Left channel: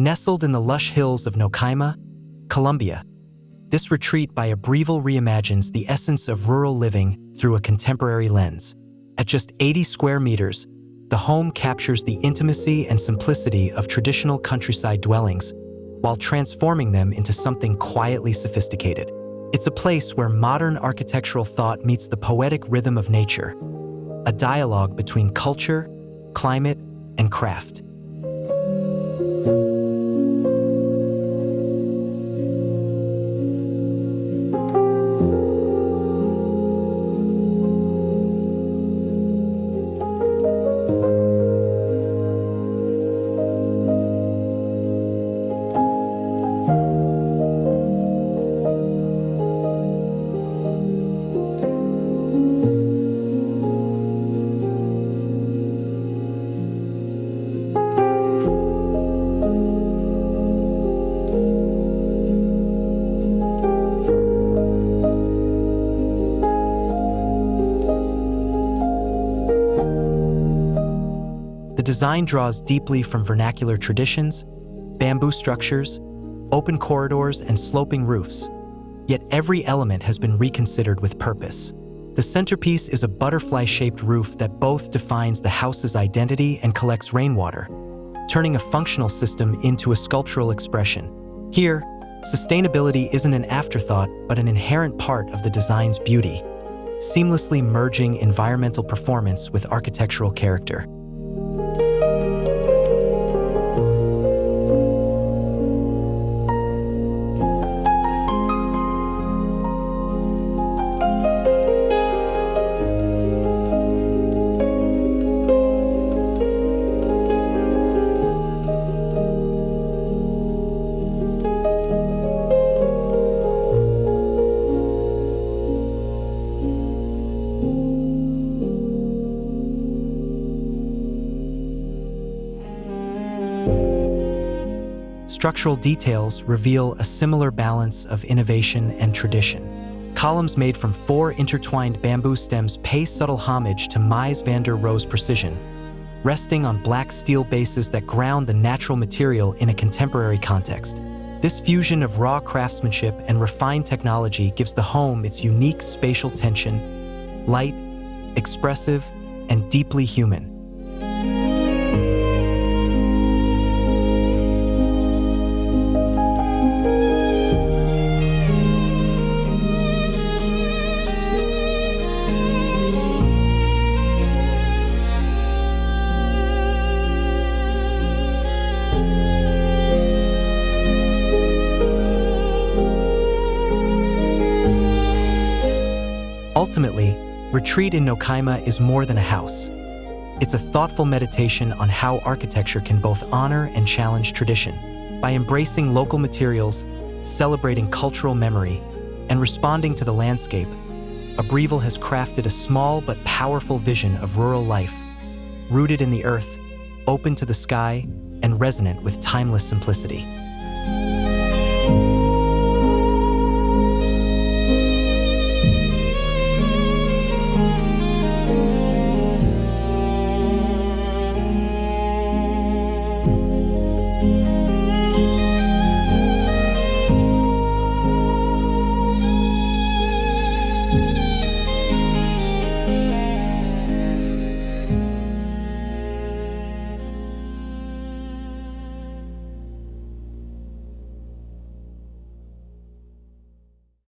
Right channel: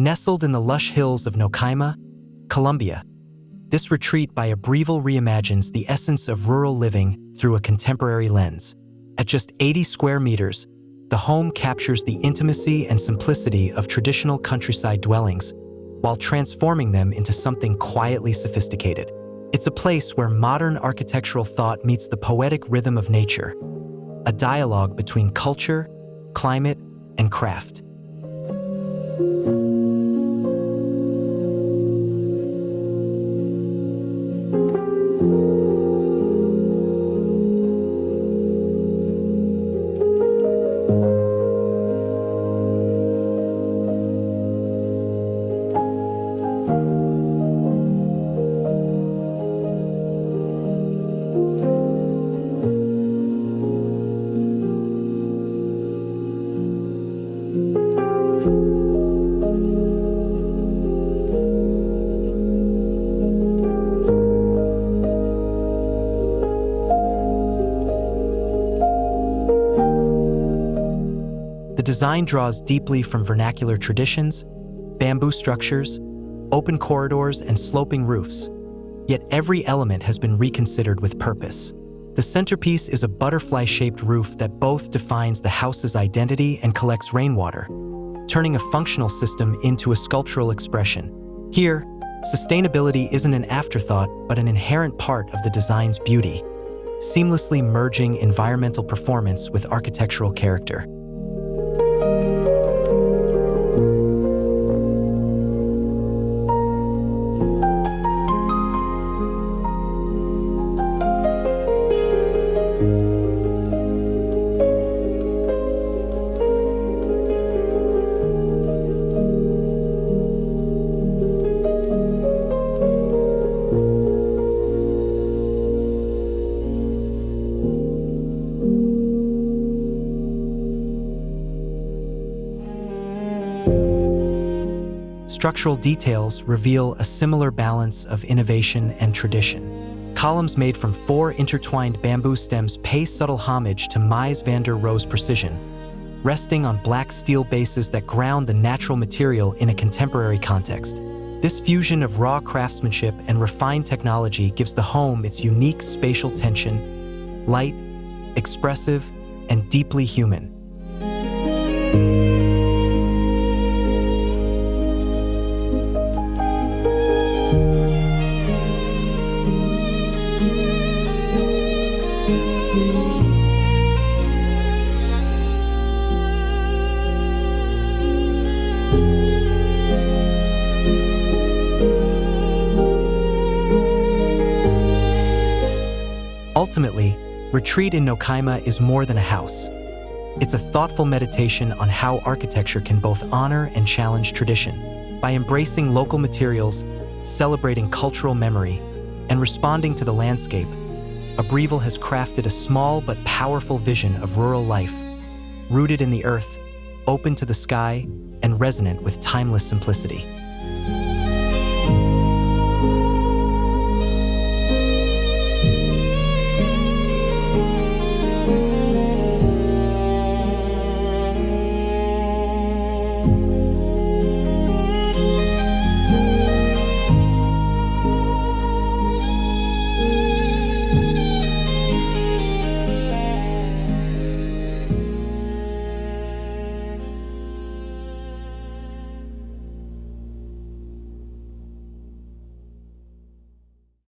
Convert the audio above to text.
Nestled in the lush hills of Nocaima, Colombia, this retreat by Obreval reimagines the essence of rural living through a contemporary lens. At just 80 square meters, the home captures the intimacy and simplicity of traditional countryside dwellings while transforming them into something quietly sophisticated. It's a place where modern architectural thought meets the poetic rhythm of nature, a dialogue between culture, climate, and craft. The design draws deeply from vernacular traditions, bamboo structures, open corridors, and sloping roofs, yet every element has been reconsidered with purpose. The centerpiece is a butterfly-shaped roof that both defines the house's identity and collects rainwater, turning a functional system into a sculptural expression. Here, sustainability isn't an afterthought but an inherent part of the design's beauty, seamlessly merging environmental performance with architectural character. Structural details reveal a similar balance of innovation and tradition. Columns made from 4 intertwined bamboo stems pay subtle homage to Mies van der Rohe's precision, resting on black steel bases that ground the natural material in a contemporary context. This fusion of raw craftsmanship and refined technology gives the home its unique spatial tension, light, expressive, and deeply human. Ultimately, retreat in Nocaima is more than a house. It's a thoughtful meditation on how architecture can both honor and challenge tradition. By embracing local materials, celebrating cultural memory, and responding to the landscape, Obreval has crafted a small but powerful vision of rural life, rooted in the earth, open to the sky, and resonant with timeless simplicity.